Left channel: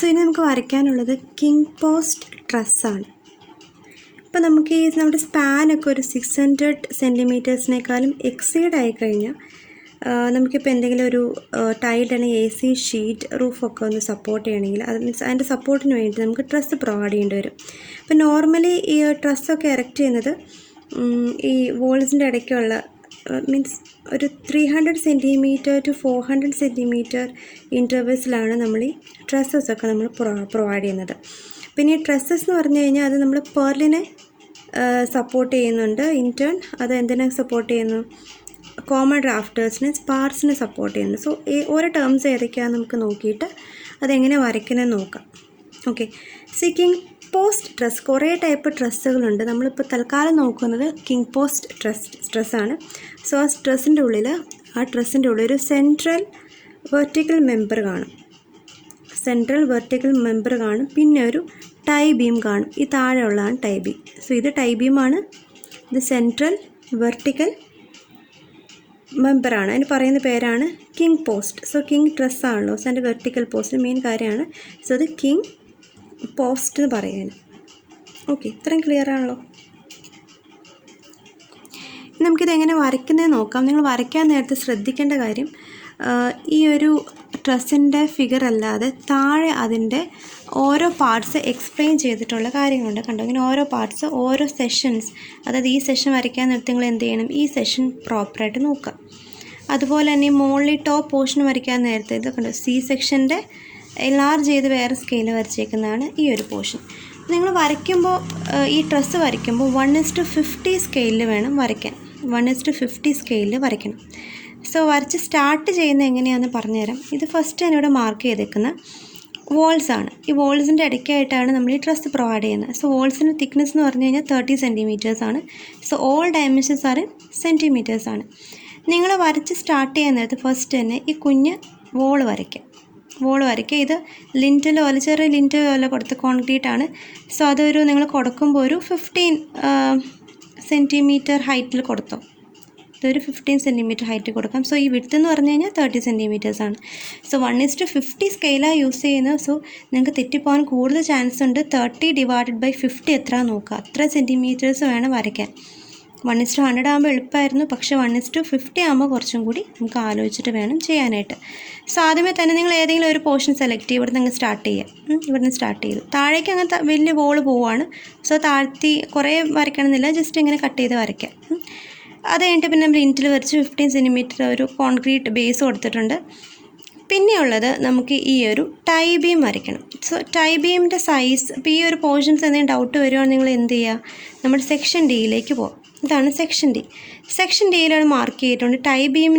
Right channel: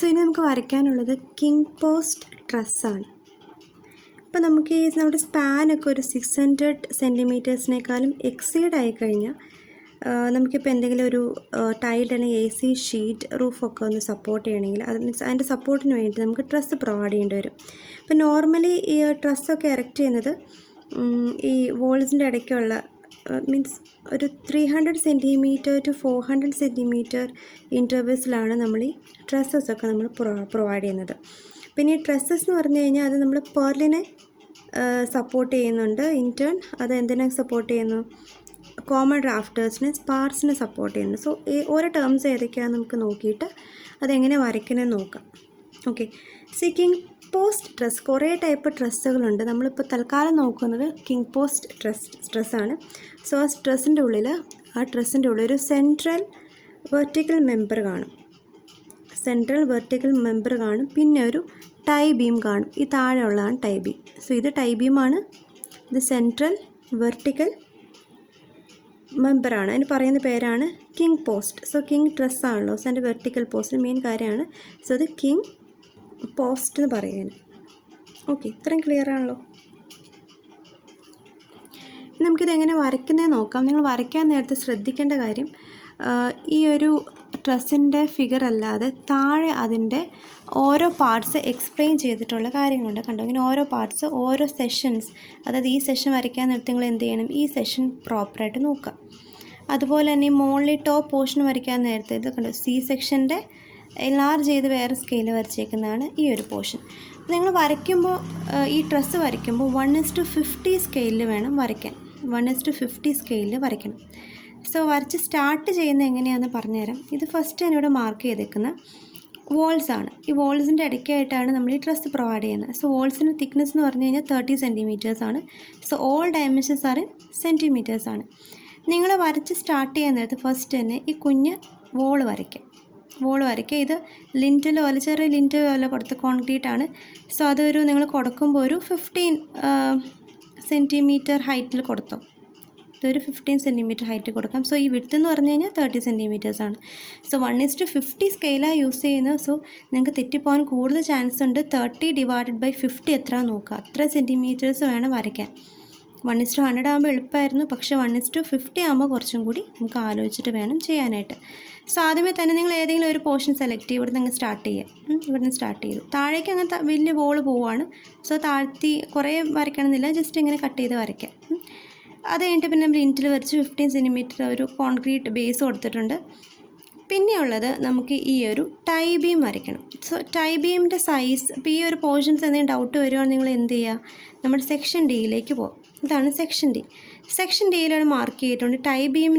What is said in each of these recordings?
So ഇനി നമുക്ക് വരയ്ക്കാനുള്ളത് king post ട്രസ്സാണ്. ഇപ്പോൾ നമുക്ക് ഈ നമ്മുടെ സ്പാനൊക്കെ ഒരു 600 സെൻറ്റിമീറ്റേഴ്സിനേക്കാളും എക്സീഡ് ആയിക്കഴിഞ്ഞാൽ നമുക്കിപ്പോൾ എന്തെങ്കിലും ഒരു ടൈൽഡ് അല്ലെങ്കിൽ AC ഷീറ്റ് റൂഫൊക്കെ ഒന്ന് സപ്പോർട്ട് ചെയ്യണമെങ്കിൽ അത് മീൻസ് അതിൻ്റെ സപ്പോർട്ടിന് വേണ്ടി നമുക്ക് ട്രസ്സ് പ്രൊവൈഡ് ചെയ്യേണ്ടി വരും. അപ്പോൾ നോർമലി ഈ ട്രസ്സൊക്കെ എറക്റ്റ് ചെയ്യുന്നത് ഈ വോൾസിൻ്റെ ഇടയ്ക്കുള്ള മീൻസ് ഒരു 300 സെൻറ്റിമീറ്റർ ടു 400 സെൻറ്റിമീറ്റർ ഇൻ്റർവെൽസിലാണ് നമ്മൾ ഈ ട്രസ്സസൊക്കെ നമ്മൾ പ്രൊവൈഡ് ചെയ്യുന്നത്. പിന്നെ ഈ ട്രസ്സസ് എന്ന് പറഞ്ഞു കഴിഞ്ഞാൽ അത് നമ്മൾ പെർലിനെ സപ്പോർട്ട് ചെയ്യുന്നുണ്ട്. ഇൻറ്റേൺ അത് എന്തിനെ സപ്പോർട്ട് ചെയ്യുന്നു? കോമൺ റാഫ്റ്റേഴ്സിനെ സ്പാർസിനെ സപ്പോർട്ട് ചെയ്യുന്നു. സോ ഈ ഓരോ ടേംസ് ഏതൊക്കെയാണെന്ന് നമുക്ക് നോക്കിയിട്ട് അതെങ്ങനെ വരയ്ക്കണമെന്ന് നോക്കാം. ഓക്കെ, സോ ഈ കിങ് പോസ്റ്റ് ട്രസ് കുറേ ടൈപ്പ് ട്രസ്സുകളുണ്ട്. നമ്മളിപ്പോൾ തൽക്കാലം നോക്കുന്നത് കിങ് പോസ്റ്റ് ട്രസ്സാണ്. സോ ആ ട്രസ്സിൻ്റെ ഉള്ളിൽ ഒരു സെൻട്രൽ വെർട്ടിക്കൽ മെമ്പർ കാണും. പിന്നെ ഒരു ടൈ ബീം കാണും. ഈ താഴെ ഉള്ളതാണ് ടൈ ബീം. സോ ഇത് ടൈ ബീമാണ്, ഇത് സെൻട്രൽ വെർട്ടിക്കൽ മെമ്പറാണ്. അതിന് പറയുന്ന പേരാണ് കിങ് പോസ്റ്റ്. സോ കിങ് ട്രസ്സാണല്ലോ, സോ അതിൻ്റെ വെർട്ടിക്കൽ പോസ്റ്റ് മെയിൻ കാര്യമാണ്. സോ അത് കിങ് പോസ്റ്റ് എന്ന് പറയുന്നത്. ഓക്കെ, ഇത്രയും ക്ലിയർ ആണല്ലോ. നമുക്കിത് എങ്ങനെ വരയ്ക്കുന്നതെന്ന് നോക്കാം. നിങ്ങൾ വരയ്ക്കാൻ നേരത്തെ ശ്രദ്ധിക്കേണ്ട കാര്യം, ഈ ഒരു ട്രസ്സിൻ്റെ ഫിഗർ അല്ലാതെ താഴെ അതിൻ്റെ ഓരോ പാർട്സ് എക്സ്പ്ലെയിൻ ചെയ്തിട്ടുള്ള കാര്യങ്ങളുണ്ട്. കണ്ടോ, ഇങ്ങനെ ഓരോ പാർട്സ്, ഓരോ സെഷൻസ്, അതായത് ഈ സെഷൻ വരയ്ക്കാൻ നേരത്തെ നിങ്ങൾ എന്ത് ചെയ്യണം, ഈ സെഷൻ പ്രോപ്പറായിട്ട് നോക്കാം. അതുപോലെ തന്നെ ഈ മുകളിൽ ടോപ്പ് പോർഷൻ വരയ്ക്കാൻ നേരത്തെ ഇത് കണ്ടോ, C സെക്ഷൻ്റെ എൻലാർജ് ചെയ്ത് വേറെ സ്കെയിൽ വരച്ചേക്കുന്നതാണ് ഈ ഒരു പോർഷൻ. നിങ്ങൾ വരയ്ക്കുമ്പോൾ ഈ ട്രസ്സ് വരയ്ക്കുമ്പോൾ 1:50 സ്കെയിലിൽ വേണം വരയ്ക്കാൻ. 1:50 സ്കെയിലിൽ വരയ്ക്കണം. സോ വരച്ച് സ്റ്റാർട്ട് ചെയ്യുന്നത് എങ്ങനെയാണെന്ന് പറഞ്ഞുതരാം. ഇത് ഫസ്റ്റ് ഞാൻ ഇവിടെ മാർക്ക് ചെയ്തേക്കുന്ന വോൾസാണ്. ഈ വോൾസിൻ്റെ ഇടയ്ക്കായിട്ടാണ് നമ്മൾ ഈ ട്രസ് പ്രൊവൈഡ് ചെയ്യുന്നത്. സോ വോൾസിൻ്റെ തിക്നെസ് എന്ന് പറഞ്ഞു കഴിഞ്ഞാൽ 30 സെൻറ്റിമീറ്റേഴ്സ് ആണ്. So all dimensions are in centimetres ആണ്. നിങ്ങൾ വരച്ച് സ്റ്റാർട്ട് ചെയ്യാൻ നേരത്ത് ഫസ്റ്റ് തന്നെ ഈ കുഞ്ഞ് വോൾ വരയ്ക്കുക. ഇത് ലിൻറ്റൽ പോലെ, ചെറിയ ലിൻറ്റൽ പോലെ കൊടുത്ത കോൺക്രീറ്റ് ആണ്. സോ അതൊരു നിങ്ങൾ കൊടുക്കുമ്പോൾ ഒരു 15 സെൻറ്റിമീറ്റർ ഹൈറ്റിൽ കൊടുത്തോ. ഇതൊരു 15 സെൻറ്റിമീറ്റർ ഹൈറ്റ് കൊടുക്കാം. സോ ഈ വിഡ്ത്ത് എന്ന് പറഞ്ഞു കഴിഞ്ഞാൽ 30 സെൻറ്റിമീറ്റേഴ്സ് ആണ്. സോ 1:50 സ്കെയിലാണ് യൂസ് ചെയ്യുന്നത്. സോ നിങ്ങൾക്ക് തെറ്റിപ്പോകാൻ കൂടുതൽ ചാൻസ് ഉണ്ട്. 30/50 എത്ര നോക്കുക, അത്ര സെൻറ്റിമീറ്റേഴ്സ് വേണം വരയ്ക്കാൻ. 1:100 ആകുമ്പോൾ എളുപ്പമായിരുന്നു, പക്ഷേ 1:50 ആകുമ്പോൾ കുറച്ചും കൂടി നമുക്ക് ആലോചിച്ചിട്ട് വേണം ചെയ്യാനായിട്ട്. സോ ആദ്യമേ തന്നെ നിങ്ങൾ ഏതെങ്കിലും ഒരു പോർഷൻ സെലക്ട് ചെയ്യുക. ഇവിടെ നിന്ന് സ്റ്റാർട്ട് ചെയ്യുക. ഇവിടുന്ന് സ്റ്റാർട്ട് ചെയ്തു താഴേക്ക് അങ്ങനത്തെ വലിയ വോള് പോവുകയാണ്. സോ താഴ്ത്തി കുറേ വരയ്ക്കണമെന്നില്ല, ജസ്റ്റ് ഇങ്ങനെ കട്ട് ചെയ്ത് വരയ്ക്കാം. അത് കഴിഞ്ഞിട്ട് പിന്നെ നമ്മൾ ഇൻറ്റിൽ വരച്ച് 15 സെൻറ്റിമീറ്റർ ഒരു കോൺക്രീറ്റ് ബേസ് കൊടുത്തിട്ടുണ്ട്. പിന്നെയുള്ളത് നമുക്ക് ഈ ഒരു ടൈ ബീം വരയ്ക്കണം. സോ ടൈ ബീമിൻ്റെ സൈസ്, ഇപ്പോൾ ഈ ഒരു പോർഷൻസ് എന്തെങ്കിലും ഡൗട്ട് വരുവാണെങ്കിൽ നിങ്ങൾ എന്ത് ചെയ്യുക, നമ്മുടെ സെക്ഷൻ ഡിയിലേക്ക് പോകും. ഇതാണ് സെക്ഷൻ ഡി. സെക്ഷൻ ഡിയിലാണ് മാർക്ക് ചെയ്തിട്ടുണ്ട്. ടൈ ബീം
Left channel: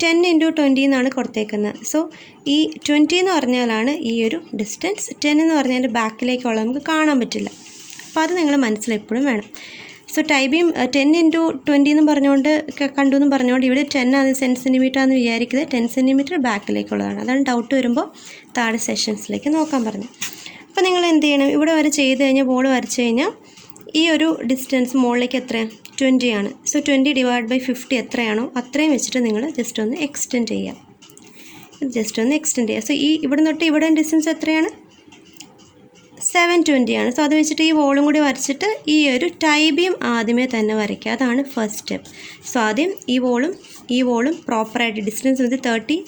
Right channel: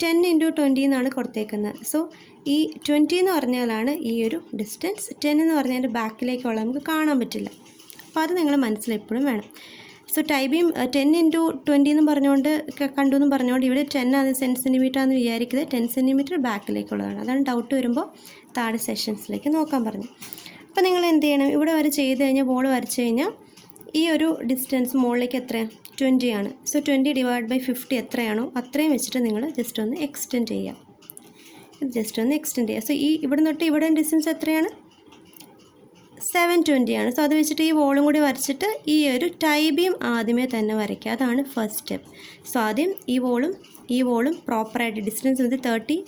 10x20 എന്നാണ് കൊടുത്തേക്കുന്നത്. സോ ഈ 20 എന്ന് പറഞ്ഞാലാണ് ഈ ഒരു ഡിസ്റ്റൻസ്. 10 എന്ന് പറഞ്ഞാൽ ബാക്കിലേക്കുള്ള നമുക്ക് കാണാൻ പറ്റില്ല. അപ്പോൾ അത് നിങ്ങൾ മനസ്സിലെപ്പോഴും വേണം. സോ ടൈ ബീം 10x20 എന്ന് പറഞ്ഞുകൊണ്ട് കണ്ടു പറഞ്ഞുകൊണ്ട് ഇവിടെ 10 ആണ് സെൻറ്റിമീറ്റർ ആണെന്ന് വിചാരിക്കുന്നത്. 10 സെൻറ്റിമീറ്റർ ബാക്കിലേക്കുള്ളതാണ്. അതാണ് ഡൗട്ട് വരുമ്പോൾ താഴെ സെഷൻസിലേക്ക് നോക്കാൻ പറഞ്ഞു. അപ്പോൾ നിങ്ങൾ എന്ത് ചെയ്യണം, ഇവിടെ വരെ ചെയ്ത് കഴിഞ്ഞാൽ ബോൾ വരച്ച് കഴിഞ്ഞാൽ ഈ ഒരു ഡിസ്റ്റൻസ് മുകളിലേക്ക് എത്രയാണ്, 20 ആണ്. സോ 20/50 എത്രയാണോ അത്രയും വെച്ചിട്ട് നിങ്ങൾ ജസ്റ്റ് ഒന്ന് എക്സ്റ്റെൻഡ് ചെയ്യുക. സോ ഈ ഇവിടെ തൊട്ട് ഇവിടെ ഡിസ്റ്റൻസ് എത്രയാണ്, 720 ആണ്. സോ അത് വെച്ചിട്ട് ഈ വോളും കൂടി വരച്ചിട്ട് ഈ ഒരു ടൈ ബീം ആദ്യമേ തന്നെ വരയ്ക്കുക. അതാണ് ഫസ്റ്റ് സ്റ്റെപ്പ്. സോ ആദ്യം ഈ വോളും പ്രോപ്പറായിട്ട് ഡിസ്റ്റൻസ് ഇത് 30,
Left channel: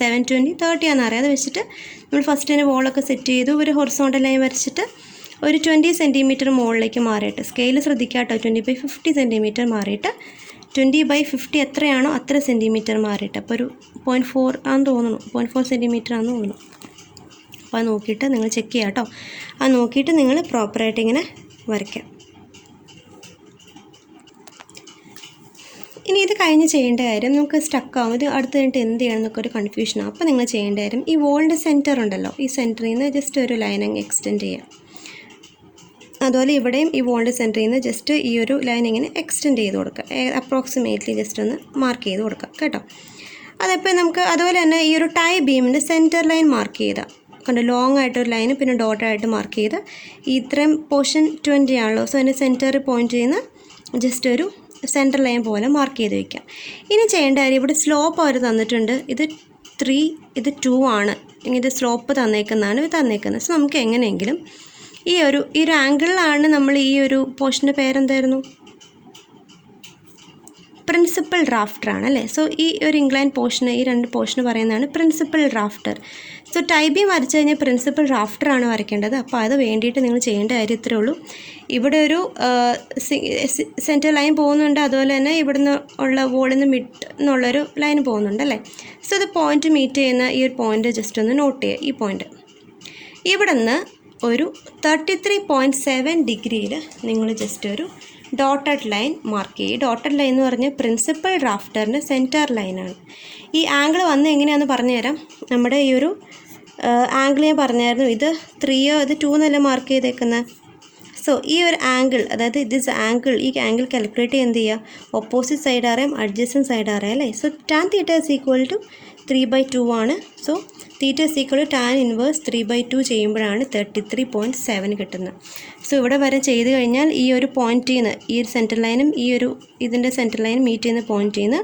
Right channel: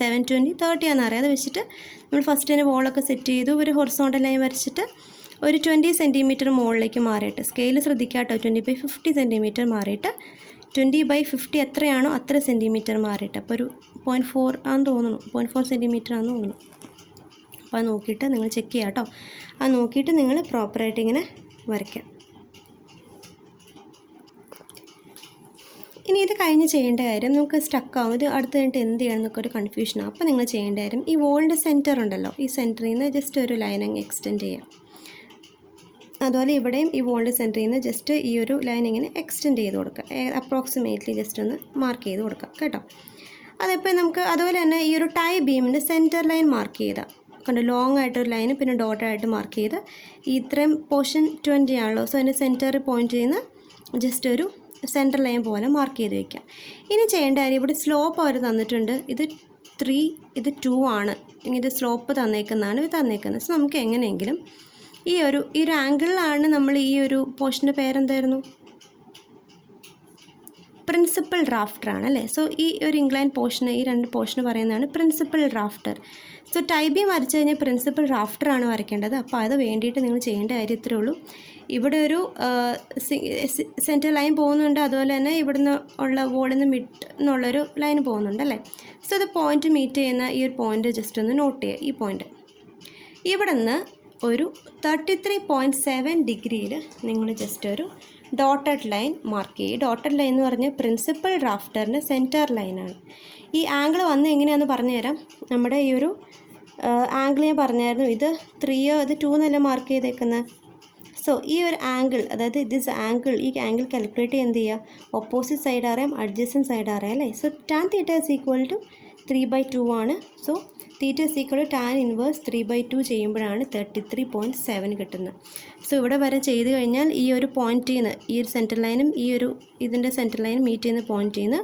720, 30 ആണെന്നറിയാം. അത് വെച്ചിട്ട് നമ്മൾ ഫസ്റ്റ് തന്നെ വോളൊക്കെ സെറ്റ് ചെയ്തു. ഒരു ഹൊറിസോണ്ടൽ ലൈൻ വരച്ചിട്ട് ഒരു 20 സെൻറ്റിമീറ്റർ മുകളിലേക്ക് മാറിയിട്ട് സ്കെയിൽ ശ്രദ്ധിക്കുക കേട്ടോ. 20/50 സെൻറ്റിമീറ്റർ മാറിയിട്ട് 20/50 എത്രയാണോ അത്ര സെൻറ്റിമീറ്റർ മാറിയിട്ട്, അപ്പോൾ ഒരു 0.4 ആണെന്ന് തോന്നുന്നു, 0.4 സെൻറ്റിമീറ്റർ ആണെന്ന് തോന്നുന്നു. അപ്പോൾ അത് നോക്കിയിട്ട് നിങ്ങൾ ചെക്ക് ചെയ്യുക കേട്ടോ. അത് നോക്കിയിട്ട് നിങ്ങൾ പ്രോപ്പറായിട്ട് ഇങ്ങനെ വരയ്ക്കാം. ഇനി ഇത് കഴിഞ്ഞ് ചെയ്യേണ്ട കാര്യം, നമുക്ക് സ്റ്റക്കാവും, ഇത് അടുത്ത് കഴിഞ്ഞിട്ട് എന്ത് ചെയ്യണം എന്നൊക്കെ ഒരു കൺഫ്യൂഷനാണ്. അപ്പോൾ നിങ്ങൾ ചെയ്യേണ്ട കാര്യം, ഈ വോളിൻ്റെ സെൻറ്റർ ഉണ്ടല്ലോ, ഈ സെൻറ്ററിൽ നിന്ന് ജസ്റ്റ് ഒരു ലൈൻ അങ്ങ് എക്സ്റ്റെൻഡ് ചെയ്യാം. അതുപോലെ ഇവിടെയും ഈ വോളിൻ്റെ സെൻറ്ററിൽ നിന്ന് ജസ്റ്റ് ഈ ഒരു ലൈൻ ഇങ്ങനെ എക്സ്റ്റെൻഡ് ചെയ്ത് കൊടുക്കുക. അപ്രോക്സിമേറ്റ്ലി ജസ്റ്റ് ഒന്ന് മാർക്ക് ചെയ്ത് കൊടുക്കുക കേട്ടോ. അതിപ്പോൾ നമുക്ക് അതുപോലെ തന്നെ ഈ ഒരു ടൈ ബീമിൻ്റെ സെൻറ്റർ ലൈൻ മാർക്ക് ചെയ്താൽ കണ്ടോ, ലോങ് ആയിട്ടൊരു ലൈന് പിന്നെ ഡോട്ടായിട്ട് മാർക്ക് ചെയ്ത് ഇത്രയും പോർഷൻ 20 ആണല്ലോ. സോ അതിൻ്റെ സെൻറ്ററിൽ പോയിൻറ്റ് ചെയ്യുന്ന ജസ്റ്റ് ഒരു സെൻറ്റർ ലൈൻ പോലെ മാർക്ക് ചെയ്ത് വയ്ക്കാം. ഇനി ചെയ്യേണ്ട കാര്യം, ഇവിടെ സ്ലോപ്പ് അവർ തന്നിട്ടുണ്ട്. ഇത് 3, ഇത് 2 ആണ്. ഇത് സ്ലോപ്പ് തന്നേക്കുന്നതാണ് തന്നേക്കുന്നത്. സോ നമുക്ക് എങ്ങനെയെങ്കിലും ഈ ഒരു ആംഗിളിലാണ് നമ്മൾ ഈ ഒരു പോർഷൻ്റെ പേരെന്തായിരുന്നു? പ്രിൻസിപ്പൽ ഡ്രാഫ്റ്റർ ആണ് അല്ലേ. സോ ഈ ഒരു ഇൻക്ലൈൻ പോർഷന്, ഈ 2 പോർഷന് പറയുന്നതാണ് principal drafter. So tie beam വരച്ച് കഴിഞ്ഞാൽ പ്രിൻസിപ്പൽ ഡ്രാഫ്റ്ററാണ് വരയ്ക്കേണ്ടത്. അപ്പോൾ അത് വേണ്ടിയിട്ട് നിങ്ങൾ ചെയ്യേണ്ട കാര്യം ഇത്രയേ ഉള്ളൂ. ഇവിടെ ഒരു സെൻറ്റർ ലൈൻ പോകുന്നുണ്ട്, അതുപോലെ തന്നെ ഇവിടുന്ന് ഉള്ള വോളിൽ നിന്ന് മിഡ് എന്നുള്ളൊരു ലൈൻ പോകുന്നുണ്ട് അല്ലേ. സോ ഇത് പോയിൻ്റ് മീറ്റ് ചെയ്യുന്ന ഈ ഒരു പോയിൻ്റ് ജസ്റ്റ് ഒന്ന് നോട്ട് ചെയ്യുക. ഈ പോയിൻ്റ് ഇവിടെ നിന്ന് ഒരു 33.7 ഡിഗ്രിയിൽ നിങ്ങൾ ജസ്റ്റ് ഒരു ഡോട്ടഡ് ലൈൻ മാർക്ക് ചെയ്യും. ഡോട്ടഡ് ലൈൻ എന്ന് പറഞ്ഞാൽ പ്രിൻസിപ്പൽ ഡ്രാഫ്റ്ററിൻ്റെ സെൻറ്റർ ലൈനാണ്. ഈ ആംഗിൾ വന്ന് എങ്ങനെയാണെന്ന് പറഞ്ഞു തരാം. നമ്മുടെ ഈ ഒരു ആംഗിൾ ഞാൻ പറഞ്ഞായിരുന്നു. ഇത് 3യോ ഇത് 2 എന്നല്ല മാർക്ക് ചെയ്തേക്കുന്നത്. സോ ഈ ഒരു ആംഗിൾ, അതായത് ദിസ് ആംഗിൾ, ഈ ആംഗിൾ കാൽക്കുലേറ്റ് എന്ത് ചെയ്യുക? ഓപ്പോസിറ്റ് സൈഡ് അറിയാം, അഡ്ജസ്റ്റൻറ്റ് സൈഡ് അറിയാം അല്ലേ. So tan theta is equal to 3/2 ആണ്. So theta is equal to tan inverse 3/2 ചെയ്യുമ്പോഴാണ് 33.7 കിട്ടുന്നത്. സോ ഇവിടെ വരെ ചെയ്ത് കഴിഞ്ഞാൽ ഈ ഒരു പോയിൻറ്റിൽ നിന്ന്, ഈ ഒരു സെൻറ്റർ ലൈനും ഈ ഒരു ഇതിൻ്റെ സെൻറ്റർ ലൈനും മീറ്റ് ചെയ്യുന്ന പോയിൻറ്റിൽ നിന്ന്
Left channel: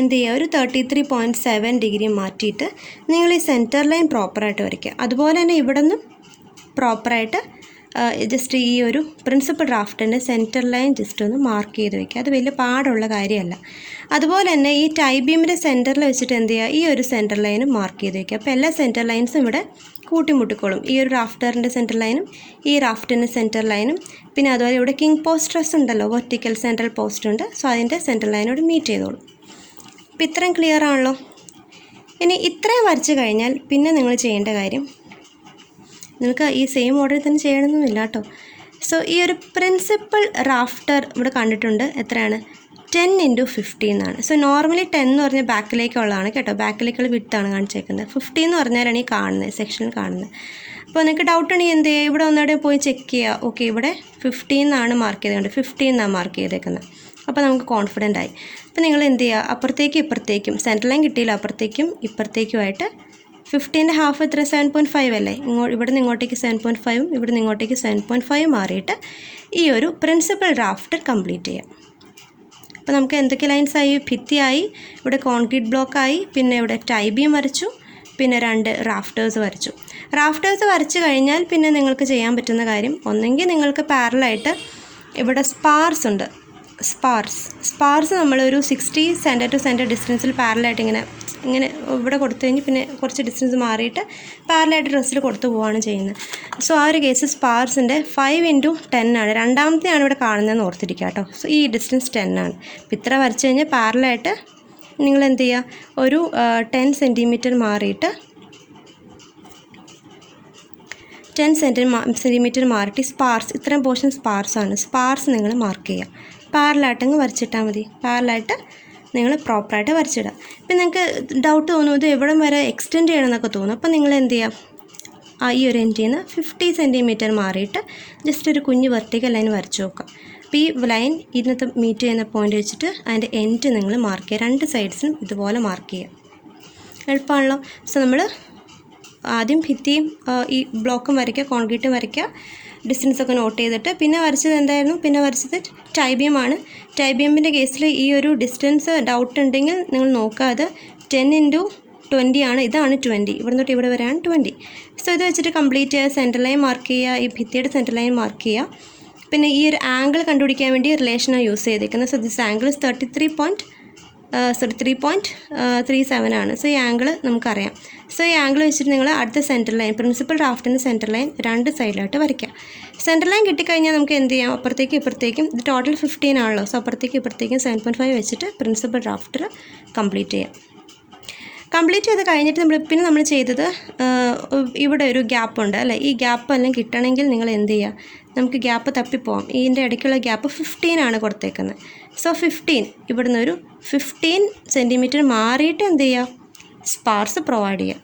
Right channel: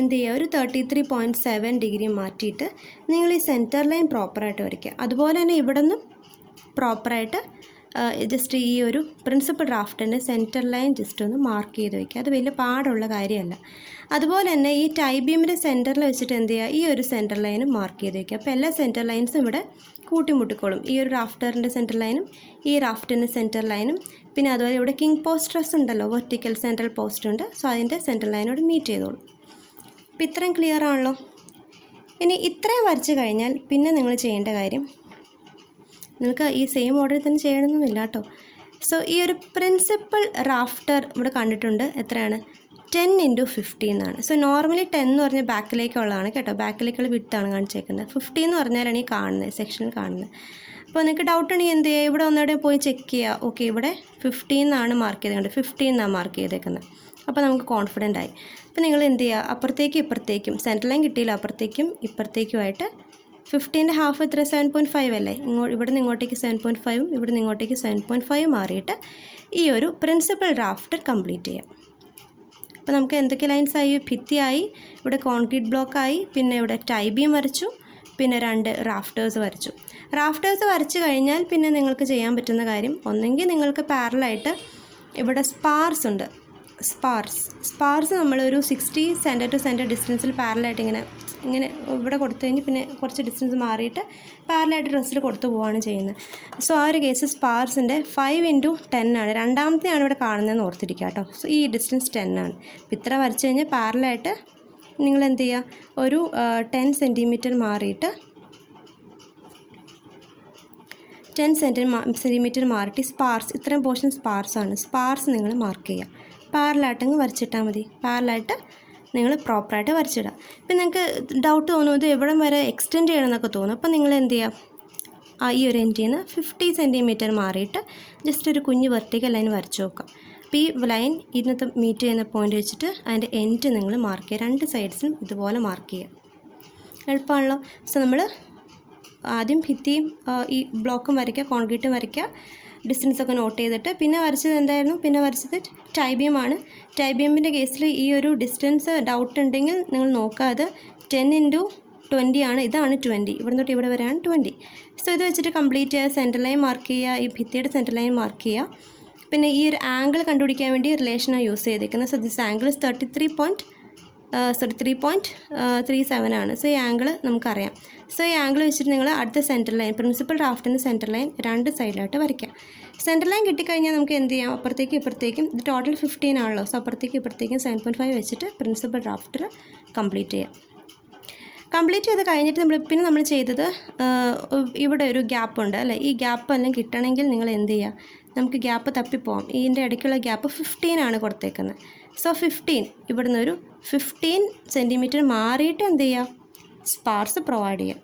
എന്ത് ചെയ്യുക? ഒരു 33.7 ഡിഗ്രി മാറ്റിയിട്ട് നിങ്ങൾ ഈ സെൻറ്റർ ലൈൻ പ്രോപ്പറായിട്ട് വരയ്ക്കുക. അതുപോലെ തന്നെ ഇവിടെ നിന്ന് പ്രോപ്പറായിട്ട് ജസ്റ്റ് ഈ ഒരു പ്രിൻസിപ്പൽ ഡ്രാഫ്റ്റിൻ്റെ സെൻറ്റർ ലൈൻ ജസ്റ്റ് ഒന്ന് മാർക്ക് ചെയ്ത് വയ്ക്കുക. അത് വലിയ പാടുള്ള കാര്യമല്ല. അതുപോലെ തന്നെ ഈ ടൈ ബീമിൻ്റെ സെൻറ്ററിൽ വെച്ചിട്ട് എന്ത് ചെയ്യുക? ഈ ഒരു സെൻറ്റർ ലൈനും മാർക്ക് ചെയ്ത് വയ്ക്കുക. അപ്പോൾ എല്ലാ സെൻറ്റർ ലൈൻസും ഇവിടെ കൂട്ടിമുട്ടിക്കോളും. ഈ ഒരു റാഫ്റ്ററിൻ്റെ സെൻറ്റർ ലൈനും ഈ റാഫ്റ്റിൻ്റെ സെൻറ്റർ ലൈനും, പിന്നെ അതുപോലെ ഇവിടെ കിങ് പോസ്റ്റ് ട്രസ് ഉണ്ടല്ലോ, വെർട്ടിക്കൽ സെൻട്രൽ പോസ്റ്റ് ഉണ്ട്. സോ അതിൻ്റെ സെൻറ്റർ ലൈനോട് മീറ്റ് ചെയ്തോളും. അപ്പോൾ ഇത്രയും ക്ലിയർ ആണല്ലോ. ഇനി ഇത്രയും വരച്ച് കഴിഞ്ഞാൽ പിന്നെ നിങ്ങൾ ചെയ്യേണ്ട കാര്യം, നിങ്ങൾക്ക് ഈ സെയിം ഓർഡറിൽ തന്നെ ചെയ്യണമെന്നില്ല കേട്ടോ. സോ ഈ ഒരു പ്രിൻസിപ്പൽ റാഫ്റ്റർ ഇവിടെ കണ്ടിട്ടുണ്ട്. എത്രയാണ്? 10 × 15 എന്നാണ്. സോ നോർമലി 10 എന്ന് പറഞ്ഞാൽ ബാക്കിലേക്കുള്ളതാണ് കേട്ടോ. ബാക്കിലേക്കുള്ള വിഡ്ത്താണ് കാണിച്ചേക്കുന്നത്. 15 എന്ന് പറഞ്ഞാലാണ് ഈ കാണുന്നത്, സെക്ഷനിൽ കാണുന്നത്. അപ്പോൾ നിങ്ങൾക്ക് ഡൗട്ട് ഉണ്ടെങ്കിൽ എന്ത് ചെയ്യുക? ഇവിടെ ഒന്നുകൂടെ പോയി ചെക്ക് ചെയ്യുക. ഓക്കെ, ഇവിടെ 15 എന്നാണ് മാർക്ക് ചെയ്തേക്കുന്നത്, 15 എന്നാണ് മാർക്ക് ചെയ്തേക്കുന്നത്. അപ്പോൾ നമുക്ക് കോൺഫിഡൻ്റ് ആയി. അപ്പോൾ നിങ്ങൾ എന്ത് ചെയ്യുക? അപ്പുറത്തേക്കും ഇപ്പുറത്തേക്കും, സെൻട്രൽ ലൈൻ കിട്ടിയില്ല, അപ്പുറത്തേക്കും ഇപ്പുറത്തേക്കുമായിട്ട് 15ൻ്റെ ഹാഫ് എത്ര? 7.5 അല്ലേ. ഇവിടെ നിന്ന് ഇങ്ങോട്ടേക്ക് 7.5, ഇവിടെ നിന്ന് ഇങ്ങോട്ടേക്ക് 7.5 മാറിയിട്ട് ഈ ഒരു പ്രിൻസിപ്പൽ ഡ്രാഫ്റ്റ് കംപ്ലീറ്റ് ചെയ്യാം. അപ്പോൾ നമുക്ക് എന്തൊക്കെ ലൈൻസായി? ഭിത്തിയായി, ഇവിടെ കോൺക്രീറ്റ് ബ്ലോക്കായി, പിന്നെ ഇവിടെ ടൈ ബീം വരച്ചു, പിന്നെ 2 റാഫ്റ്റേഴ്സ് വരച്ചു. റാഫ്റ്റേഴ്സ് വരച്ച് കഴിഞ്ഞാൽ പിന്നെ നിങ്ങൾക്ക് ചെയ്യാൻ പറ്റുന്ന കാര്യം, ഒന്നെങ്കിൽ നിങ്ങൾക്ക് പാരലായിട്ട് ഇവിടെ സ്പാർസ് ഉണ്ട്. സ്പാർസ് നമ്മളൊരു 60 സെൻറ്റർ ടു സെൻറ്റർ ഡിസ്റ്റൻസിൽ പാരലായിട്ട് ഇങ്ങനെ ഇവിടെ കൊടുത്തു കഴിഞ്ഞ് പിന്നെ കുറച്ച് ഡിസ്റ്റൻസ് മാറിയിട്ട് പാരലായിട്ട് ഡ്രസ്സിൽ കൊടുത്തു പോവുകയാണ് ചെയ്യുന്നത്. സോ ആ ഒരു കേസ് സ്പാർസിൻ്റെ 5 × 10 ആണ്. രണ്ടാമത്തെയാണ് ഇവിടെ കാണുന്നതെന്ന് ഓർത്തിരിക്കുക കേട്ടോ. സോ ഈ ഡിസ്റ്റൻസ് 10 ആണ്. അപ്പോൾ ഇത്ര വരച്ച് കഴിഞ്ഞാൽ പാരലായിട്ട് നിങ്ങൾ എന്ത് ചെയ്യുക? ഒരു 10 സെൻറ്റിമീറ്റർ മാറിയിട്ട് 10 സെൻറ്റിമീറ്റർ മാറിയിട്ട് സ്പാർസ്, ഇത്രയും പോർഷൻ സ്പാർസാണ്. സ്പാർസ് നിങ്ങൾ മാർക്ക് ചെയ്യുക. പാരലായിട്ടങ്ങ് വരച്ചിട്ടാൽ മതി. പാരലായിട്ട് നിങ്ങൾ പ്രോപ്പറായിട്ട് വരച്ചിടുക. ഇപ്പം നിങ്ങൾക്ക് ഡൗട്ട് തോന്നും, ഇത് എവിടം വരെ എക്സ്റ്റെൻഡ് ചെയ്യണമെന്നൊക്കെ തോന്നും. അപ്പോൾ നിങ്ങൾ എന്ത് ചെയ്യുക? ഈ ഒരു എൻഡിൽ നിന്ന് 50 സെൻറ്റിമീറ്റർ മാറിയിട്ട് ജസ്റ്റ് ഒരു കുഞ്ഞ് വെർട്ടിക്കൽ ലൈൻ വരച്ച് നോക്കുക. അപ്പോൾ ഈ ലൈൻ ഇന്നത്തെ മീറ്റ് ചെയ്യുന്ന പോയിൻ്റ് വെച്ചിട്ട് അതിൻ്റെ എൻഡ് നിങ്ങൾ മാർക്ക് ചെയ്യുക. 2 സൈഡ്സിനും ഇതുപോലെ മാർക്ക് ചെയ്യുക. എളുപ്പമാണല്ലോ. സോ നമ്മൾ ആദ്യം ഭിത്തിയും ഈ ബ്ലോക്കും വരയ്ക്കുക, കോൺക്രീറ്റും വരയ്ക്കുക, ഡിസ്റ്റൻസൊക്കെ നോട്ട് ചെയ്തിട്ട് പിന്നെ വരച്ചത് എന്തായിരുന്നു? പിന്നെ വരച്ചത് ടൈ ബീമാണ്. ടൈ ബീമിൻ്റെ കേസിൽ ഈ ഒരു ഡിസ്റ്റൻസ് ഡൗട്ട് ഉണ്ടെങ്കിൽ നിങ്ങൾ നോക്കുക. അത് 10 × 20 ആണ്. ഇതാണ് 20, ഇവിടെ തൊട്ട് ഇവിടെ വരെയാണ് 20. സോ ഇത് വെച്ചിട്ട് കംപ്ലീറ്റ് ചെയ്യുക. സെൻറ്റർ ലൈൻ മാർക്ക് ചെയ്യുക, ഈ ഭിത്തിയുടെ സെൻറ്റർ ലൈൻ മാർക്ക് ചെയ്യുക. പിന്നെ ഈ ഒരു ആംഗിൾ കണ്ടുപിടിക്കാൻ വേണ്ടി റിലേഷനാണ് യൂസ് ചെയ്തിരിക്കുന്നത്. സോ ദിസ് ആംഗിൾ 3.37 ആണ്. സോ ഈ ആംഗിൾ നമുക്കറിയാം. സോ ഈ ആംഗിൾ വെച്ചിട്ട് നിങ്ങൾ അടുത്ത സെൻറ്റർ ലൈൻ, പ്രിൻസിപ്പൽ ഡ്രാഫ്റ്റിൻ്റെ സെൻറ്റർ ലൈൻ 2 സൈഡിലായിട്ട് വരയ്ക്കുക. സെൻറ്റർ ലൈൻ കിട്ടിക്കഴിഞ്ഞാൽ നമുക്ക് എന്ത് ചെയ്യാം? അപ്പുറത്തേക്കും ഇപ്പുറത്തേക്കും, ഇത് ടോട്ടൽ 15 ആണല്ലോ. സോ അപ്പുറത്തേക്കും ഇപ്പുറത്തേക്കും 7.5 വെച്ചിട്ട് പ്രിൻസിപ്പൽ ഡ്രാഫ്റ്റിൽ കംപ്ലീറ്റ് ചെയ്യാം. കംപ്ലീറ്റ് ചെയ്ത് കഴിഞ്ഞിട്ട് നമ്മൾ ചെയ്തത് ഇവിടെ ഒരു ഗ്യാപ്പ് ഉണ്ട് അല്ലേ. ഈ ഗ്യാപ്പ് എല്ലാം കിട്ടണമെങ്കിൽ നിങ്ങൾ എന്ത് ചെയ്യുക? നമുക്ക് ഗ്യാപ്പ് തപ്പിപ്പോവാം. ഇതിൻ്റെ ഇടയ്ക്കുള്ള ഗ്യാപ്പ് 15 ആണ് കൊടുത്തേക്കുന്നത്. സോ 15, ഇവിടുന്ന് ഒരു 15 സെൻറ്റിമീറ്റർ മാറിയിട്ട് എന്ത് ചെയ്യുക? സ്പാർസ് പ്രൊവൈഡ് ചെയ്യുക.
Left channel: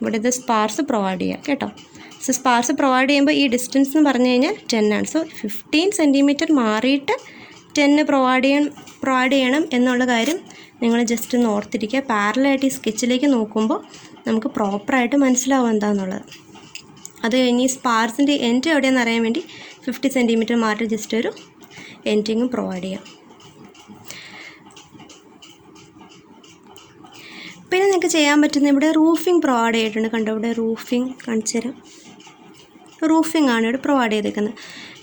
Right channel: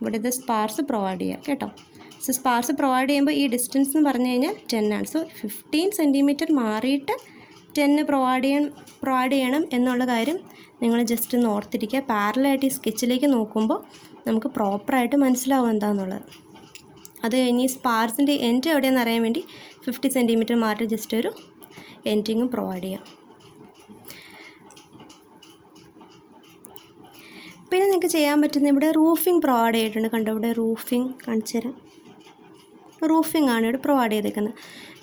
ഇവിടെ ഇത് സ്പാർസ് പ്രൊവൈഡ് ചെയ്യുക കേട്ടോ. സോ സ്പാർസ് പ്രൊവൈഡ് ചെയ്യുമ്പോൾ ഈ ഡിസ്റ്റൻസ് എന്ന് പറഞ്ഞു കഴിഞ്ഞാൽ 10 ആണ്. സോ 15 സെൻറ്റിമീറ്റർ മാറിയിട്ട് 10 പ്രൊവൈഡ് ചെയ്യണം എന്നുള്ള കാര്യം നിങ്ങൾ ജസ്റ്റ് ഒന്ന് ഓർത്തിരിക്കുക. പാരലായിട്ട് ഈ സ്കെച്ചിലേക്ക് നോക്കുമ്പോൾ നമുക്ക് പ്രോപ്പറായിട്ട് മനസ്സിലാവും എന്താണെന്നുള്ളത്. അത് കഴിഞ്ഞ് ഈ സ്പാർസിൻ്റെ എൻഡ് എവിടെയെന്ന് അറിയാൻ വേണ്ടി 50 സെൻറ്റിമീറ്റർ മാറി ജസ്റ്റ് ഒരു എൻഡിങ്ങും പ്രൊവൈഡ് ചെയ്യാം. പിന്നെ നിങ്ങൾക്ക് ചെയ്യാൻ പറ്റുന്ന ഇവിടെ റൂഫിംഗ് പ്രൊവൈഡ് ചെയ്തിട്ടുണ്ട്. കണ്ടോ ഇവിടെ റൂഫിംഗ് കാണിച്ചു തരാം. റൂഫിംഗ് ആണ് ഇവിടെ പ്രൊവൈഡ് ചെയ്തേക്കുന്നത്.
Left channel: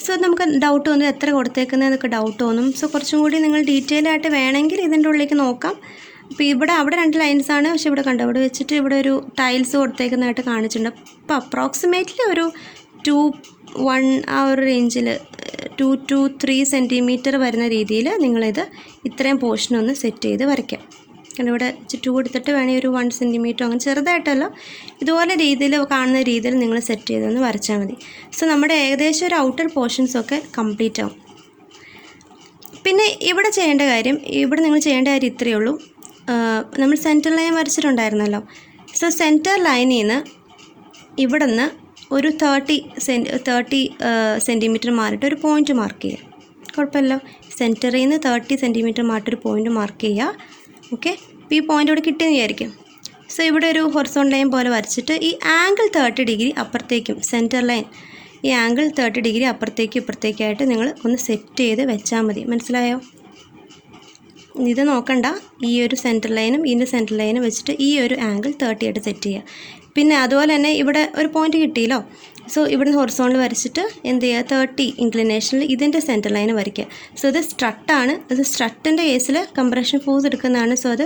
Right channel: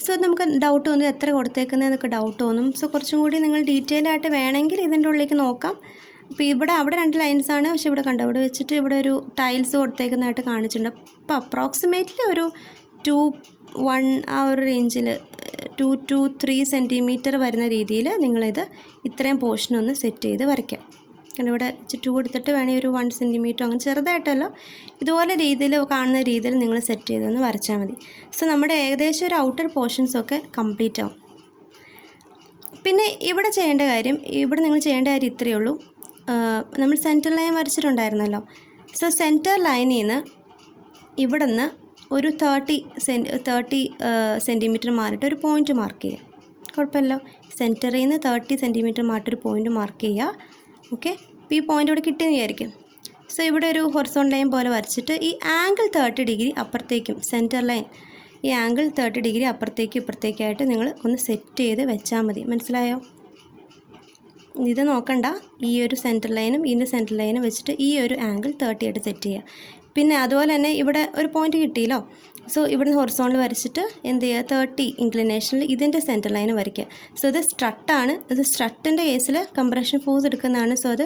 സോ നമുക്ക് ഡൗട്ട് തോന്നും എത്ര കൊടുത്തേക്കുന്നതെന്നൊക്കെ ഡൗട്ട് തോന്നും. സോ കുറച്ചും കൂടി നിങ്ങൾ ഡീറ്റെയിൽ ആയിട്ട് വേണമെങ്കിൽ ഇതിൻ്റെ ഉള്ളിലേക്ക് നോക്കാം. അപ്പോൾ ഇവിടെ അവിടെ 2 ലൈൻസാണ്, പക്ഷേ ഇവിടെ കണ്ടോ ഇവിടെ വെച്ചിട്ട് ഇവിടെ ഒരു ടൈൽസ് കൊടുത്തേക്കുന്നതായിട്ട് കാണിച്ചിട്ടുണ്ട്. അപ്പോൾ അപ്രോക്സിമേറ്റ്ലി ഒരു 2-1 ആ ഒരു റേഞ്ചിൽ 2 to 3 സെൻറ്റിമീറ്റർ വരുന്ന രീതിയിൽ നിങ്ങളിത് ഇത്രയും പോർഷനൊന്ന് സെറ്റ് ചെയ്ത് വരയ്ക്കാം. കാരണം ഇവിടെ 2 എടുത്തിട്ട് വേണമെങ്കിൽ ഒരു 1 സെൻറ്റിമീറ്റർ അങ്ങനെ ചെറുതായിട്ടല്ല ഇതുപോലെ രീതിയിൽ കാണുന്ന രീതിയിൽ നിങ്ങൾ സെറ്റ് ചെയ്തൊന്ന് വരച്ചാൽ മതി. സോ നമ്മുടെ ഏകദേശം ഒരു ഔട്ടർ പോർഷൻസൊക്കെ കംപ്ലീറ്റ് ആവും. പിന്നെ ഇവിടെ ചെയ്യേണ്ട കാര്യം ഇത്രയേ ഉള്ളൂ. നമ്മൾ സെൻറ്റർ ലൈൻ വരച്ചിട്ടുണ്ടായിരുന്നല്ലോ. സോ സെൻറ്റർ ലൈനിൽ നിന്ന് ഇവിടെ നിന്ന് ഒരു 30 സെൻറ്റിമീറ്റർ മാറിയിട്ട് ഒരു പോയിൻ്റ് മാർക്ക് ചെയ്യുക. കുഴപ്പമില്ല. സെൻറ്ററിൽ നിന്ന് 30 സെൻറ്റിമീറ്റർ മാറിയിട്ടൊരു പോയിൻ്റ് മാർക്ക് ചെയ്യുക. ഓക്കെ, ഇപ്പോൾ ഈ പോയിൻ്റ് ഇവിടെ കിട്ടിയെന്ന് വിചാരിക്കും. സോ ഇവിടെ ഒരു ഹൊറിസോണ്ടൽ ലൈൻ പോലെ വരച്ചിട്ട് ഈ ആംഗിൾ 30 ഡിഗ്രി അപ്പുറത്തേക്കും സെൻറ്റർ ലൈൻ ഈ ആംഗിൾ 30 ഡിഗ്രി അപ്പുറത്തേക്കും ഇപ്പുറത്തേക്കായിട്ട് നിങ്ങൾ ഒന്ന് സെറ്റ് ചെയ്ത് വെച്ചാൽ മതി. മനസ്സിലായോ? ഇത് നോക്കണ്ട. ഈ ഒരു സെൻറ്റർ ലൈനും ഇതിൻ്റെ സെൻറ്റർ ലൈനും വെച്ചിട്ട് ഈ ഒരു ആംഗിൾ 30 ആയിട്ട് സെറ്റ് ചെയ്യുക. പിന്നെ അതുപോലെ തന്നെ ഇവിടെ ഒരു പോയിൻ്റ് കിട്ടിയല്ലോ. സോ ഇവിടുന്ന് ഹൊറിസോണ്ടൽ വരച്ചിട്ട് എന്ത് ചെയ്യുക, 30 ഇൻക്ലിനേഷനിൽ ഇതിൻ്റെ സെൻറ്റർ ലൈൻ വരയ്ക്കുക. സോ ഇത് സ്ട്രട്ടാണ്. അത് സ്ട്രട്ടിൻ്റെ കേസിൽ കംപ്രഷൻ ഫോഴ്സ് എടുക്കുന്നതാണ്. സോ അത്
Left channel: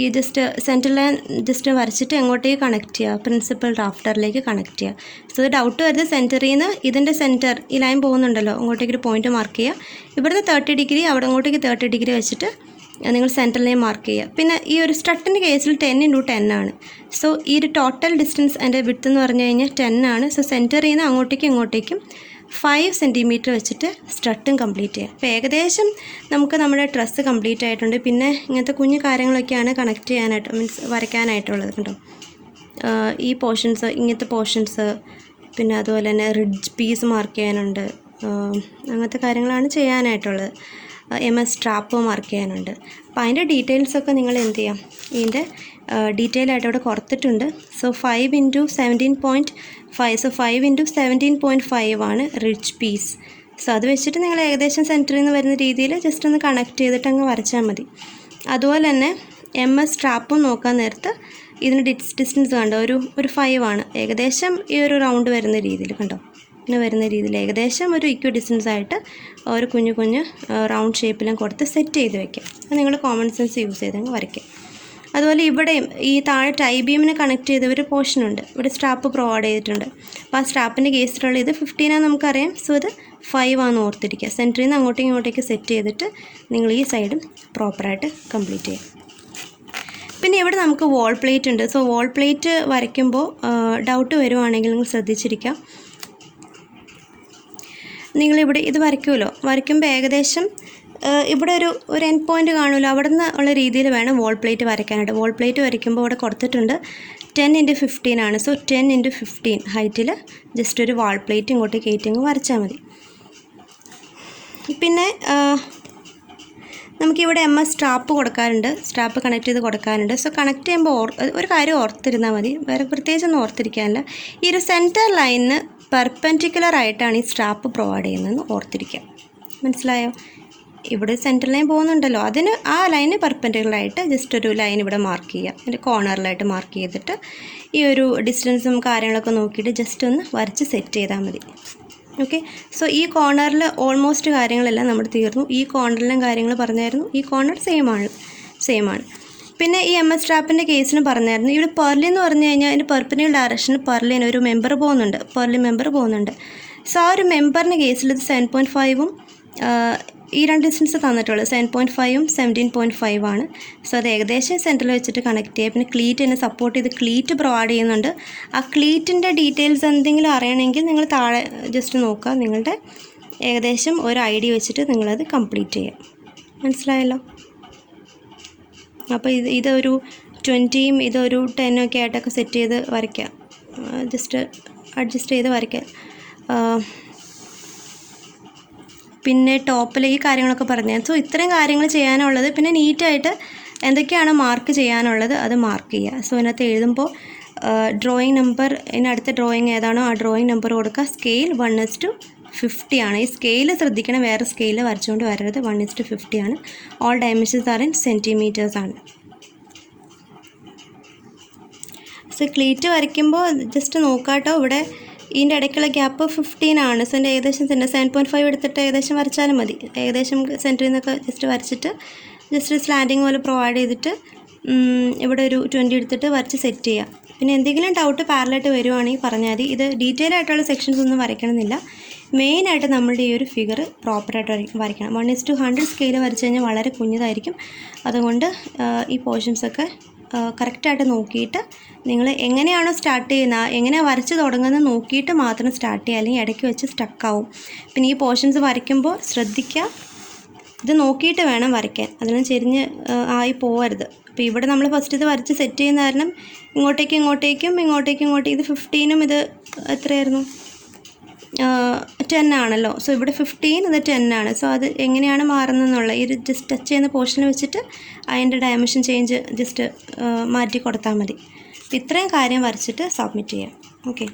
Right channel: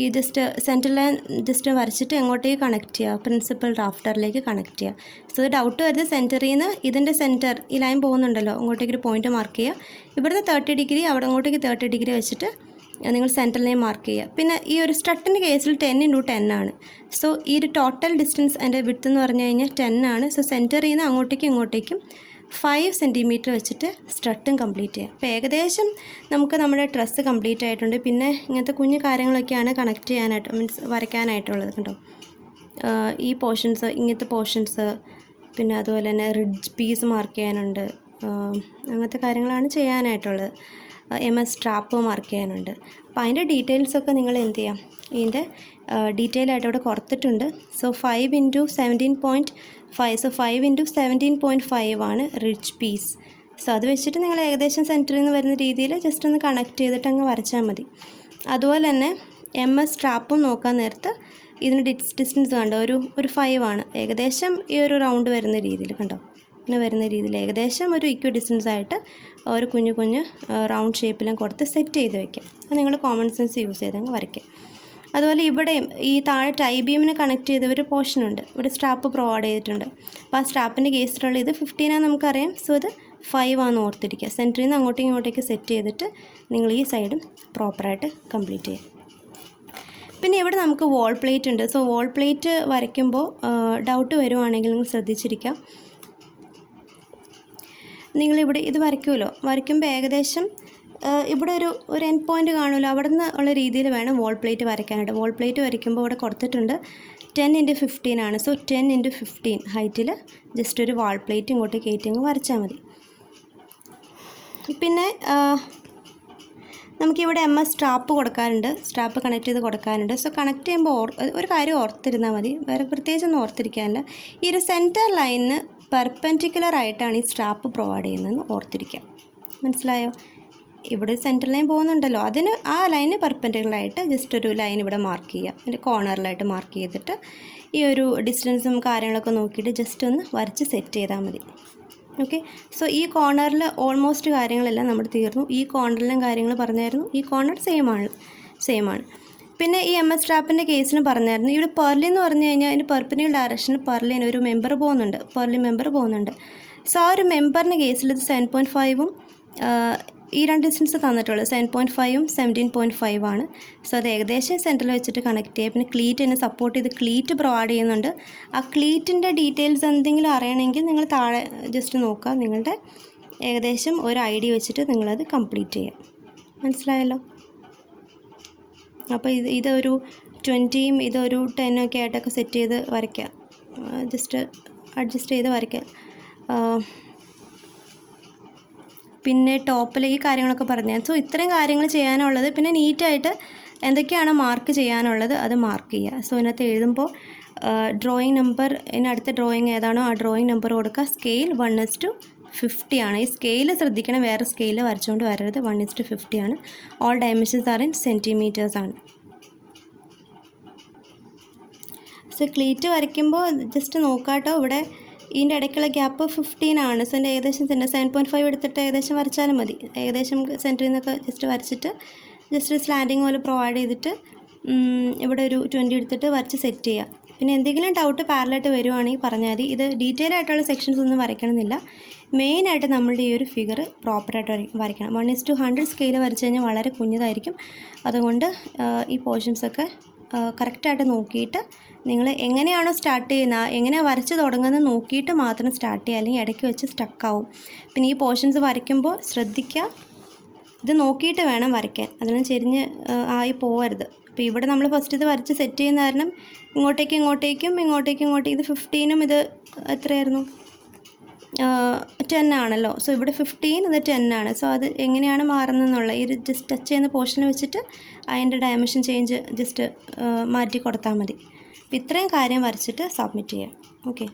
ഈ ജസ്റ്റ് സെൻറ്റർ ലൈൻ ജസ്റ്റ് വരച്ചിട്ട് എങ്ങോട്ടേക്ക് കണക്ട് ചെയ്യുക, പ്രിൻസിപ്പൽ റാഫ്റ്ററിലേക്ക് കണക്ട് ചെയ്യുക. സോ ഇത് ഡൗട്ട് വരുന്നത് സെൻറ്ററിൽ നിന്ന് ഇതിൻ്റെ സെൻറ്റർ ഈ ലൈൻ പോകുന്നുണ്ടല്ലോ, അങ്ങോട്ടേക്ക് ഒരു പോയിൻ്റ് മാർക്ക് ചെയ്യുക. ഇവിടുന്ന് 30 ഡിഗ്രി അവിടെ അങ്ങോട്ടേക്ക് 30 ഡിഗ്രി വെച്ചിട്ട് നിങ്ങൾ സെൻറ്റർ ലൈൻ മാർക്ക് ചെയ്യുക. പിന്നെ ഈ ഒരു സ്ട്രട്ടിൻ്റെ കേസിൽ 10 × 10 ആണ്. സോ ഈ ഒരു ടോട്ടൽ ഡിസ്റ്റൻസ് അതിൻ്റെ വിഡ്ത്ത് എന്ന് പറഞ്ഞു കഴിഞ്ഞാൽ 10 ആണ്. സോ സെൻറ്ററിൽ നിന്ന് ഇങ്ങോട്ടേക്കും 5 സെൻറ്റിമീറ്റർ വെച്ചിട്ട് സ്ട്രട്ടും കംപ്ലീറ്റ് ചെയ്യുക. അപ്പോൾ ഏകദേശം നമുക്ക് നമ്മുടെ ഡ്രസ്സ് കംപ്ലീറ്റ് ആയിട്ടുണ്ട്. പിന്നെ ഇങ്ങനത്തെ കുഞ്ഞു കാര്യങ്ങളൊക്കെയാണ് കണക്ട് ചെയ്യാനായിട്ട് മീൻസ് വരയ്ക്കാനായിട്ടുള്ളത്. കണ്ടോ ഈ പോർഷൻസ്, ഇങ്ങനത്തെ പോർഷൻസ്, പിന്നെ അതുപോലെ തന്നെ റിഡ്ജ് പീസ് മാർക്ക് ചെയ്യാനുണ്ട്. അങ്ങനത്തെ കാര്യങ്ങളാണ് ചെയ്യാനായിട്ടുള്ളത്. MS സ്ട്രാപ്പ് മാർക്ക് ചെയ്യാനുണ്ട്. അപ്പോൾ അതിൻ്റെ ഡീറ്റെയിൽസൊക്കെ നിങ്ങൾ എന്ത് ചെയ്യാം, ഇതിൻ്റെ ഡീറ്റെയിൽ ആയിട്ട് അവിടെ കൊടുത്തിട്ടുണ്ട്. സോ 5 × 17.5 സോ 5 × 17.5 ആണ് റിഡ്ജ് പീസ്. സോ അത് വെച്ചിട്ട് നിങ്ങൾ ഏകദേശം സെൻറ്ററിൽ നിന്ന് വരുന്ന രീതിയിൽ ജസ്റ്റ് ഒന്ന് കണക്ട് ചെയ്തിട്ട് അങ്ങ് വരച്ചാൽ മതി. അതുപോലെ തന്നെ MS സ്ട്രാപ്പും നോക്കാൻ നേരത്ത് ഇതിന് ഡിസ്റ്റൻസ് കണ്ടോ, ഒരു 5 ആണ്. ഏകദേശം ഈ ഒരു റൗണ്ട് വരുന്ന രീതിയിൽ കണ്ടോ, ഇങ്ങനെ വരുന്ന രീതിയിൽ ഏകദേശം ഒരു ഇക്വൽ ഡിസ്റ്റൻസ് ആയിട്ട് ഒരു കുഞ്ഞു റൗണ്ട് ഷേപ്പിലും കൊടുത്ത് സെറ്റ് ചെയ്ത് വയ്ക്കാം. അത് നിങ്ങൾ കോമൺ സെൻസ് യൂസ് ചെയ്തങ്ങ് വരയ്ക്കാം. അതുപോലെ ഇവിടെയും ഈ താഴെ ടൈ ബീമിന് കണക്ട് ചെയ്ത ഒരു പോർഷനുണ്ട്. ഇവിടെ സ്ട്രാപ്പ് പ്രൊവൈഡ് ചെയ്തിട്ടുണ്ട്. അപ്പോൾ ആ സ്ട്രാപ്പിൻ്റെ കേസിലുള്ള ഇത് 15 ആണെന്ന് നമുക്കറിയാം. സോ ഇത് 5 ആണെന്ന് ഓർത്തിരിക്കുക. സെൻറ്ററിൽ നിന്ന് ഇങ്ങോട്ടേക്ക് സെറ്റ് ചെയ്തിട്ട് നിങ്ങൾ ഈ സൈഡും പ്രോപ്പറായിട്ട് കംപ്ലീറ്റ് ചെയ്യും. പിന്നെ ഇവിടെ നമുക്ക് വാൾ പ്ലേറ്റ് ഉണ്ട്. സോ വാൾ പ്ലേറ്റ് വരയ്ക്കുമ്പോൾ ഡൗട്ട് വരുവാണെങ്കിൽ നിങ്ങൾ ശ്രദ്ധിച്ചിരിക്കാം. നിങ്ങളിവിടെ ഇത് വരയ്ക്കുമ്പോൾ ഏകദേശം ഇവിടെ ഒരു എൻഡ് പോയിൻ്റ് കാണുമല്ലോ, അവിടെ നിന്ന് ഉള്ള രീതിയിൽ വേണം വാൾ പ്ലേറ്റ് വരയ്ക്കാനായിട്ട്. വാൾ പ്ലേറ്റ് വരയ്ക്കുമ്പോൾ ഇവിടെ കൊടുത്തിട്ടുണ്ട് 10 × 15 ആണ്. സോ 10 × 15 ഹൈറ്റിൽ ജസ്റ്റ് ഒരു വാൾ പ്ലേറ്റ് ഇങ്ങോട്ട് കയറ്റിങ്ങ് വരച്ചാൽ മതി. പിന്നെ നമുക്കിവിടെ MS സ്ട്രാപ്പ് കൊടുക്കാറുണ്ട്, സ്ട്രാപ്പ് കണക്ട് ചെയ്ത് കൊടുക്കാറുണ്ട്. സോ കണക്ട് ചെയ്യുമ്പോൾ ഒരു കാര്യം ഓർത്തിരുന്നാൽ മതി, വേറെ പ്രത്യേകിച്ചൊന്നും ഓർത്തിരിക്കാനില്ല. ഈ ഒരു സെൻറ്റർ ലൈനിന് പെർപെൻഡിക്കുലർ ആയിട്ടാണ് ഈ സ്ട്രാപ്പ് പ്രൊവൈഡ് ചെയ്യുന്നതെന്ന് ഓർത്തിരിക്കുക. മനസ്സിലായോ? ഇവിടെ സെൻറ്റർ ലൈൻ പോകുന്നുണ്ടല്ലോ, അതിന് ആ ലൈന് പെർപെൻഡിക്കുലറായിട്ട് ജസ്റ്റ് ഒരു ലൈൻ ഇവിടെ മാർക്ക് ചെയ്യുക. അതിൻ്റെ കോർണറിലായിട്ട് മാർക്ക് ചെയ്തിട്ട് ഈ ഒരു ഡിസ്റ്റൻസും കാര്യങ്ങളൊക്കെ നോക്കിയിട്ട് ജസ്റ്റ് ഒന്ന് വരച്ച് സെറ്റ് ചെയ്താൽ മതി. ഓക്കെ, സോ ഈ കോർണറിൽ ഓൾമോസ്റ്റ് കാര്യങ്ങളെല്ലാം നമ്മൾ തീർന്നു. ഈ കോർണറിലും കാര്യങ്ങൾ പറഞ്ഞായിരുന്നു. ഈ കോർണർ സെയിം ആണ്. പിന്നെ ഈ MS സ്ട്രാപ്പിൻ്റെ കേസിന് പറഞ്ഞായിരുന്നു. ഇവിടെ പെർലി എന്ന് പറഞ്ഞു കഴിഞ്ഞാൽ അതിൻ്റെ പെർപെൻഡിക്കുലർ ഡയറക്ഷനിൽ പെർലിന് ഒരു മെമ്പർ പോകുന്നുണ്ട്. സോ ആ ഒരു മെമ്പറിൻ്റെ കേസിൽ ഇത് 7.5ഉം ഈ രണ്ട് ഡിസ്റ്റൻസ് തന്നിട്ടുള്ളത് 7.5ഉം 17.5 ആണ്. സോ അത് ഏകദേശം സെൻറ്ററിൽ വെച്ചിട്ട് കണക്ട് ചെയ്യുക. പിന്നെ ക്ലീറ്റ് തന്നെ സപ്പോർട്ട് ചെയ്ത് ക്ലീറ്റ് പ്രൊവൈഡ് ചെയ്യുന്നുണ്ട്. ആ ക്ലീറ്റിൻ്റെ ഡീറ്റെയിൽസ് എന്തെങ്കിലും അറിയണമെങ്കിൽ നിങ്ങൾ താഴെ ജസ്റ്റ് നോക്കുക. നിങ്ങളുടെ ഏകദേശം ഒരു ഐഡിയ വെച്ചിട്ട് നിങ്ങളത് കംപ്ലീറ്റ് ചെയ്യുക. മനസ്സിലായല്ലോ? അപ്പോൾ ഇതൊരു 20ഉം ഇതൊരു 10ഉം ഒക്കെ ആയിട്ടൊക്കെ സെറ്റ് ചെയ്ത് വരയ്ക്കുക. ജസ്റ്റ് അഡ്ജസ്റ്റ് ചെയ്ത് വരയ്ക്കുക. പിന്നെ ടോപ്പിൽ ഈ കാര്യങ്ങളൊക്കെ പറഞ്ഞാൽ. സോ ഇത്രയും കാര്യങ്ങൾ ചെയ്യാനുള്ളത്. പിന്നെ നീറ്റായിട്ട് എന്തൊക്കെയാണ് മാർക്ക് ചെയ്യാനുള്ളത് അത് മാർക്ക് ചെയ്യുക. സോ അതിനകത്ത് എഴുതുമ്പോൾ ഡ്രോയിങ് നമ്പർ, ഇതിനടുത്ത ഡ്രോയിങ് ഏതാണോ ആ ഡ്രോയിങ് നമ്പർ കൊടുക്കുക. സ്കെയിൽ 1:5 50 ആണ്. ഈ സ്കെയിൽ ശ്രദ്ധിക്കണം, വേറെ സ്കെയിൽ വരച്ചുകൊണ്ട് വരരുത്. 1:50 ആണ്. All dimensions are in centimetres ആണ്. സോ ക്ലീറ്റ് വരയ്ക്കുമ്പോൾ ജസ്റ്റ് നോക്കാട്ടോ, ഇവിടെ ഇതിൻ്റെ ഇടയ്ക്കുള്ള ഗ്യാപ്പ് 15 ആണ്. സോ എൻ്റെ ഏകദേശം 7.5 എടുത്തിട്ട് ഏകദേശം വരച്ചാലും മതി. ഏകദേശം സെൻറ്ററിൽ നിന്നൊക്കെ ജസ്റ്റ് വരച്ചിട്ട് ജസ്റ്റ് സ്ലാൻഡിങ് പോലെ പ്രൊവൈഡ് ചെയ്തിട്ട് ഇവിടെ ഒരു 20 എടുത്തിട്ട് വരച്ച് സെറ്റ് ചെയ്യുക. പിന്നെ എന്തെങ്കിലും ഡൗട്ട് പാരലായിട്ട് വരുവാണെങ്കിൽ പറഞ്ഞാൽ മതി. ഇത് ഡീറ്റെയിൽ ആയിട്ടുള്ള സെക്ഷൻസ് ഒന്നും വരയ്ക്കണമെന്നില്ല. മെയിനായിട്ട് നമ്മളുടെ ഈ ഒരു ഫിഗർ പ്രോപ്പറായിട്ട് വരയ്ക്കണം. 1:100 സ്കെയിൽ വരച്ച് കഴിഞ്ഞാൽ വളരെ കുഞ്ഞതായിരിക്കും. അതുകൊണ്ട് ഈ പോർഷൻസൊക്കെ കറക്റ്റായിട്ട് നോക്കിയിട്ട് നിങ്ങൾ എങ്ങനെയാണോ സ്റ്റാർട്ട് ചെയ്യുന്നത്, എങ്ങനെയാണ് വരച്ച് തുടങ്ങുന്നത് നോക്കിയിട്ട് മാത്രം സ്റ്റാർട്ട് ചെയ്യുക, അല്ലെങ്കിൽ ഇടയ്ക്ക് വെച്ച് സ്റ്റക്കാവും. പിന്നെ ഈ പോർഷൻസ് വരയ്ക്കുമ്പോൾ ശ്രദ്ധിക്കുക, ഇത് നോക്കിയിട്ട് വേണം വരയ്ക്കാൻ, അതിനും ചെരിഞ്ഞ് ആയി പോകരുത്. അപ്പോൾ ഇവിടെ നമ്മൾ ഫസ്റ്റ് ഇത് വരച്ച് സെറ്റ് ചെയ്യുന്ന കാരണം ഇങ്ങോട്ടേക്കും ഇത് 15ഉം ഇത് എത്രയായിരുന്നു 10 ആണല്ലോ. സോ ഇവിടെ 15, ഇത് 10 ആണ്. സോ അത് എങ്ങനെയാണ് മാറുന്നതെന്നുള്ള ഈ ഒരു ജസ്റ്റ് ടച്ച് ചെയ്യുന്ന പോർഷൻ വെച്ചിട്ട് അതിൻ്റെ ഡയമെൻഷൻ ചേഞ്ച് ജസ്റ്റ് മാറ്റി കൊടുത്താൽ മതി. ഇത്രയും കാര്യം വരച്ചിട്ട് സബ്മിറ്റ് ചെയ്യാം. ഓക്കെ.